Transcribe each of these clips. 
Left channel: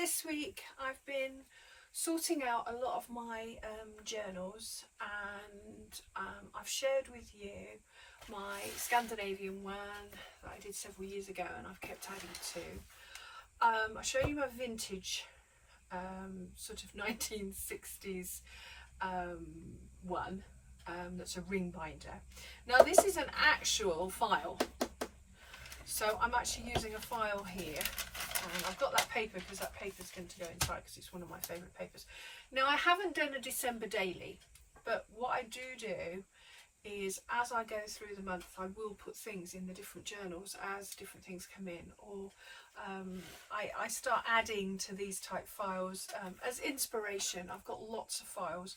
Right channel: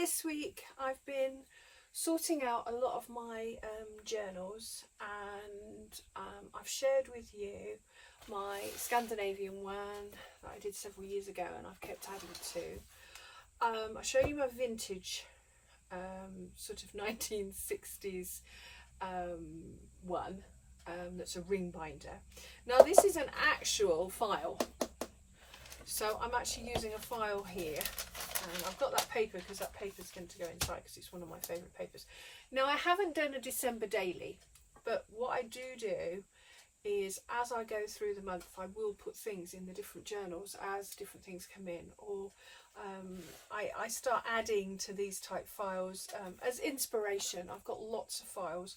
this week I've been sorting out a lot of my journals, and I've shared with you my Scandinavian one that I did several years ago, and I've kept adding to. I showed you my vintage sort of 1960s one that's a ring binder. Now this is an actual file, so I'm actually using a file here, and I've got that paper because that paper's going to go inside because it's one of my favourite papers. Now I haven't done a December daily, but what I do is as I go through the month I will put things in the different journals as different things come in, or I start adding to these type files as inspiration. I've got lots of files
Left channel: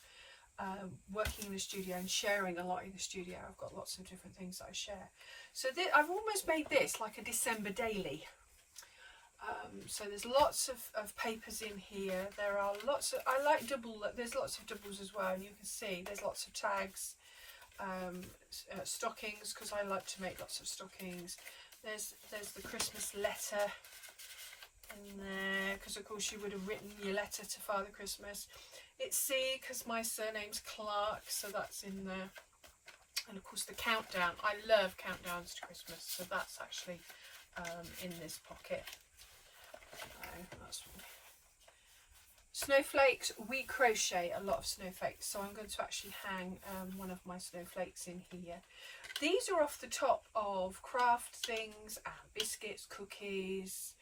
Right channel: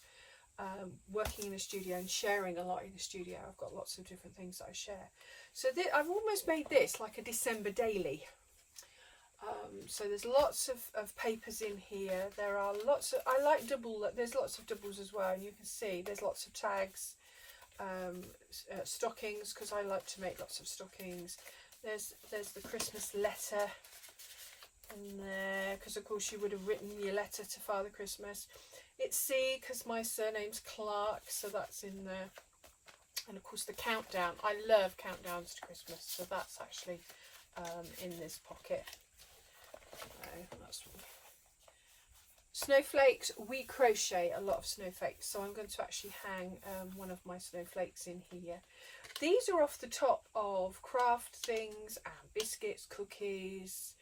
working in the studio and sharing a lot in the studio. I've got lots of different things that I share. So I've almost made this like a December daily. So there's lots of papers in here. There are lots of, I like there's lots of doubles as well, and you can see there's lots of tags, stockings, because I like to make lots of stockings. There's the Christmas letter in there, because of course you would have written your letter to Father Christmas. It's C because my surname's Clark, so that's in there. And of course the countdown. I love countdowns to Christmas, so that's actually in this pocket. That's snowflakes. We crochet a lot of snowflakes, so I'm going to actually hang one of my snowflakes in here. These are off the top of craft things and biscuits, cookies,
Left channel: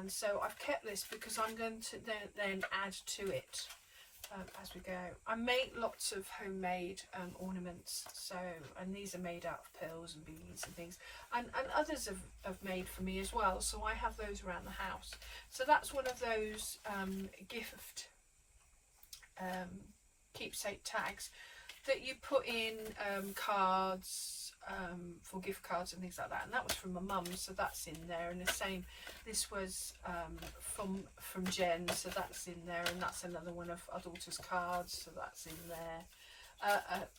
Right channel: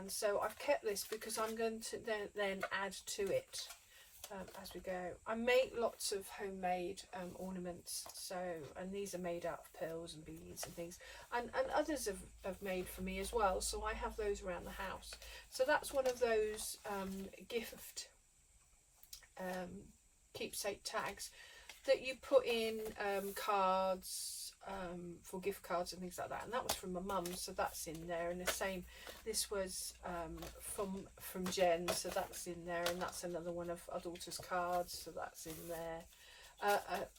and so I've kept this because I'm going to then add to it as we go. I make lots of homemade ornaments, so, and these are made out of pearls and beads and things, and others have made for me as well, so I have those around the house. So that's one of those gift keepsake tags that you put in cards, for gift cards and things like that, and that was from my mum, so that's in there. And the same, this was from Jen, so that's in there, and that's another one of our daughter's cards, so that's in there.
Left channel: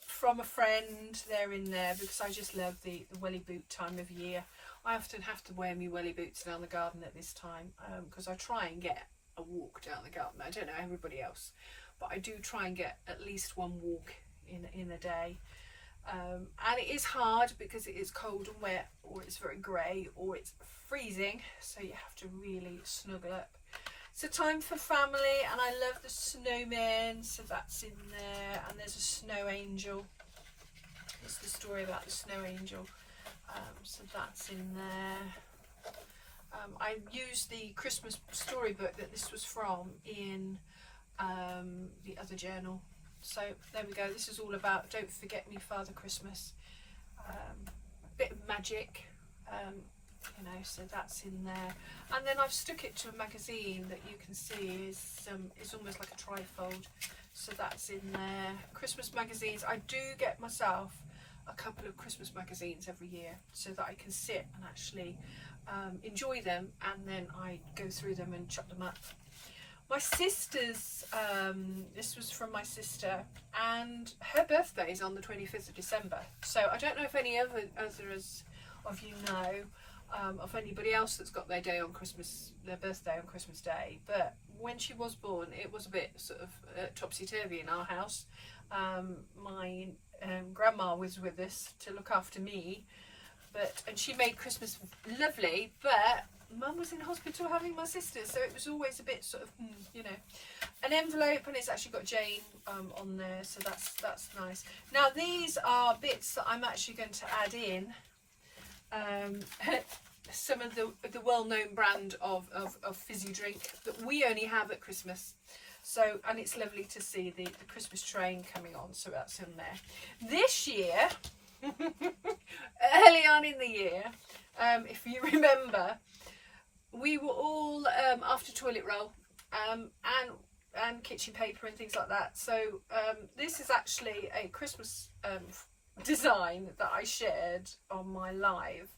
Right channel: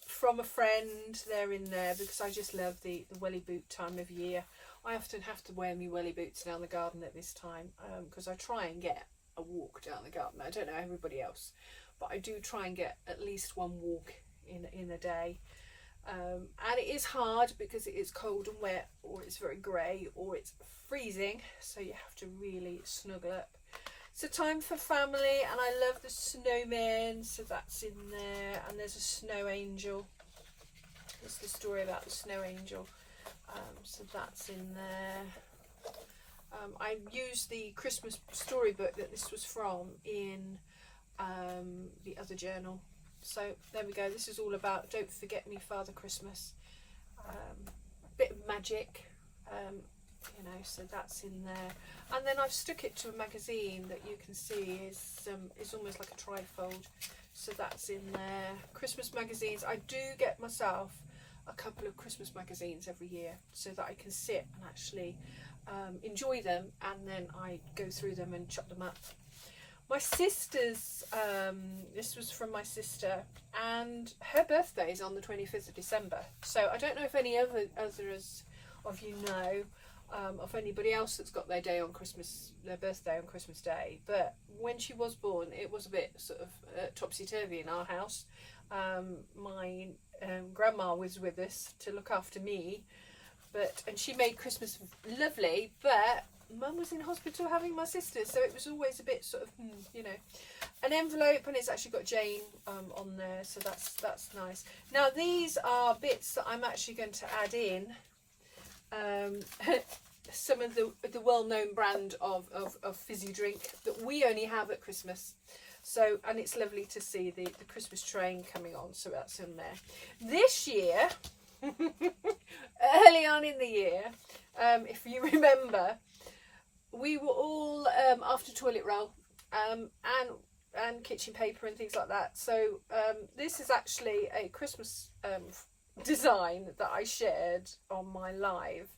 From a friend, they're in there because I just love the welly boot time of year. I often have to wear my welly boots down the garden at this time because I try and get a walk down the garden. I don't know everybody else, but I do try and get at least one walk in a day. And it is hard because it is cold and wet, or it's very grey, or it's freezing, so you have to really snuggle up. It's a time for family, and I love the snowmen, so that's in there. And there's a snow angel. It's the story about the snow angel, so that's in there. I used the Christmas storybook that this was from in the other journal. So there we go. This is all about Don't Forget Me, Father Christmas. Bit of magic, you know, so that's in there. And then I've stuck it to a magazine that you can see is almost like a trifold. So that's in there. Christmas magazines. I do get myself a couple of Christmas magazines every year so that I can sit and actually enjoy them, and then I go through them and chop them up. My sister's, this was from my sister, and her birthday is on the 25th of December. So I don't know if any others of you know of anybody else that's got their birthday on Christmas Day. But when she was born, it was a bit sort of topsy-turvy in our house. My grandma was with us to look after me, and she made Christmas lovely, but Mum was in hospital having my sister, so it was always a bit sort of, you know, an envelope, and it's actually got Jane on there, so that's nice. Now these are bits that I'm actually going to add in some of the well-known brand of fizzy drink that we only have at Christmas. So, and it's lovely to see the Christmas train coming on, so that's in there. This year, early on in the year, if you remember, we were all after toilet roll and kitchen paper and things like that. So this is actually a Christmas design that I shared on my live,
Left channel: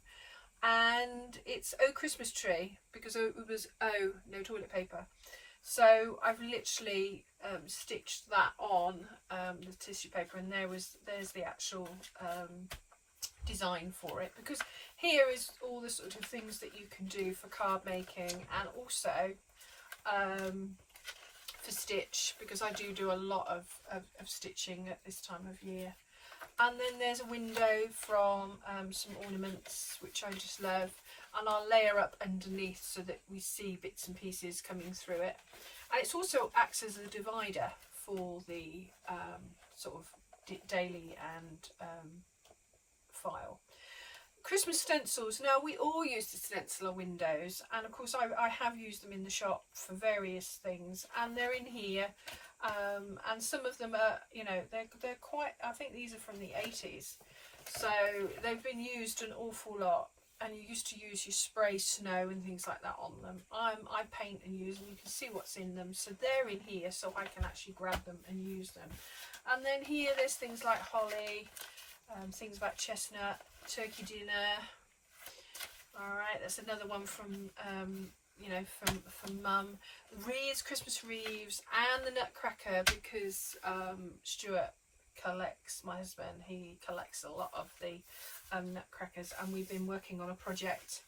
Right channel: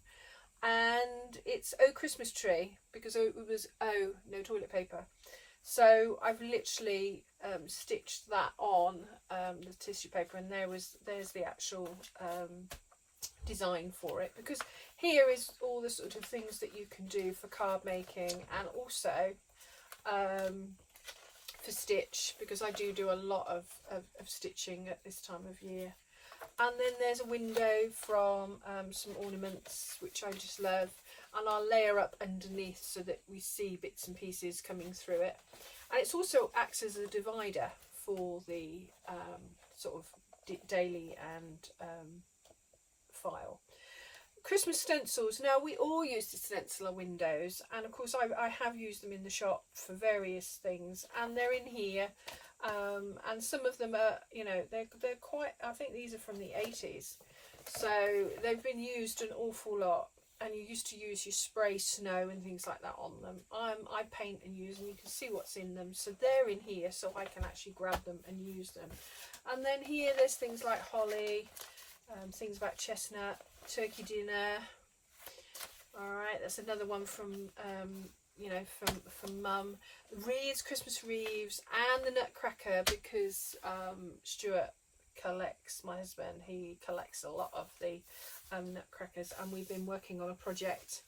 and it's Oh Christmas Tree, because it was no toilet paper. So I've literally stitched that on the tissue paper, and there's the actual design for it, because here is all the sort of things that you can do for card making, and also for stitch, because I do a lot of stitching at this time of year. And then there's a window from some ornaments which I just love, and I'll layer up underneath so that we see bits and pieces coming through it. And it also acts as a divider for the sort of daily and file. Christmas stencils. Now, we all use the stenciler windows, and of course I have used them in the shop for various things, and they're in here, and some of them are, you know, they're quite, I think these are from the 80s, so they've been used an awful lot, and you used to use your spray snow and things like that on them. I paint and use them. You can see what's in them, so they're in here, so I can actually grab them and use them. And then here there's things like holly, things about chestnut, turkey dinner. All right, that's another one from you know, from Mum. The wreaths, Christmas wreaths, and the nutcracker, because Stuart collects, my husband, he collects a lot of the nutcrackers, and we've been working on a project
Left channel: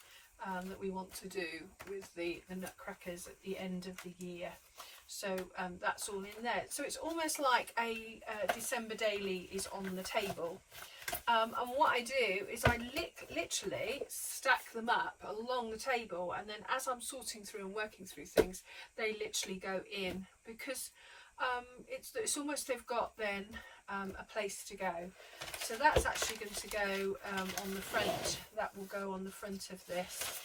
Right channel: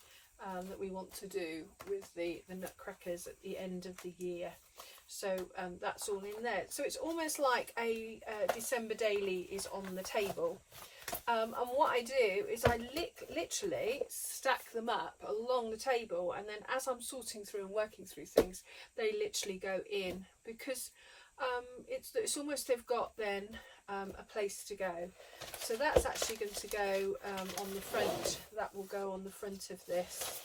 that we want to do with the nutcrackers at the end of the year. So that's all in there. So it's almost like a December daily is on the table. And what I do is I literally stack them up along the table, and then as I'm sorting through and working through things, they literally go in, because it's almost, they've got then a place to go. So that's actually going to go on the front. That will go on the front of this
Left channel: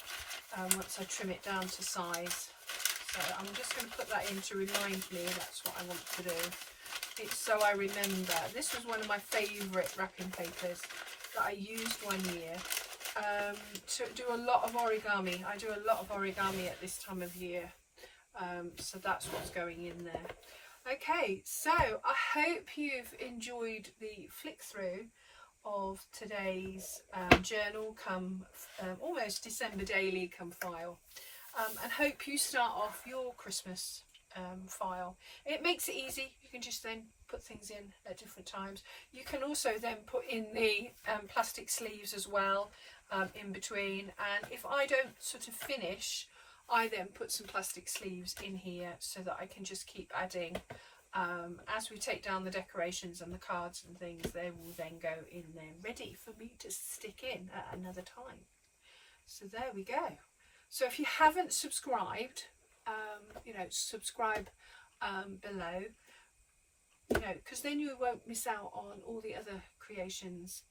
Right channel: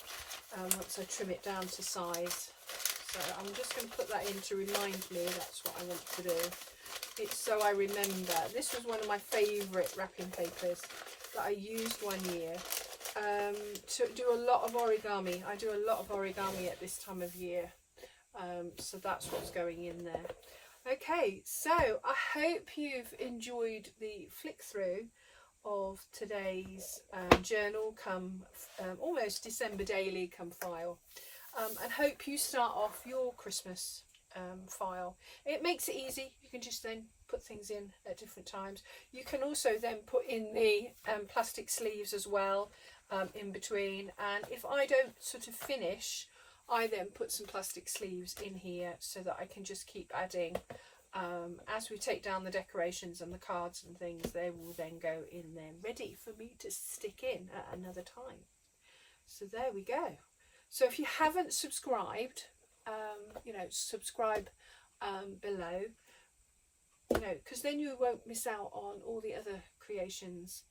once I trim it down to size. So I'm just going to put that in to remind me that's what I want to do. It's so I remember. This was one of my favourite wrapping papers that I used one year to do a lot of origami. I do a lot of origami at this time of year, so that's what's going in there. Okay, so I hope you've enjoyed the flick through of today's journal come almost December daily come file, and hope you start off your Christmas file. It makes it easy. You can just then put things in at different times. You can also then put in the plastic sleeves as well in between, and if I don't sort of finish, I then put some plastic sleeves in here so that I can just keep adding. As we take down the decorations and the cards and things, they will then go in there ready for me to stick in at another time. So there we go. So if you haven't subscribed, you know, subscribe below, you know, because then you won't miss out on all the other creations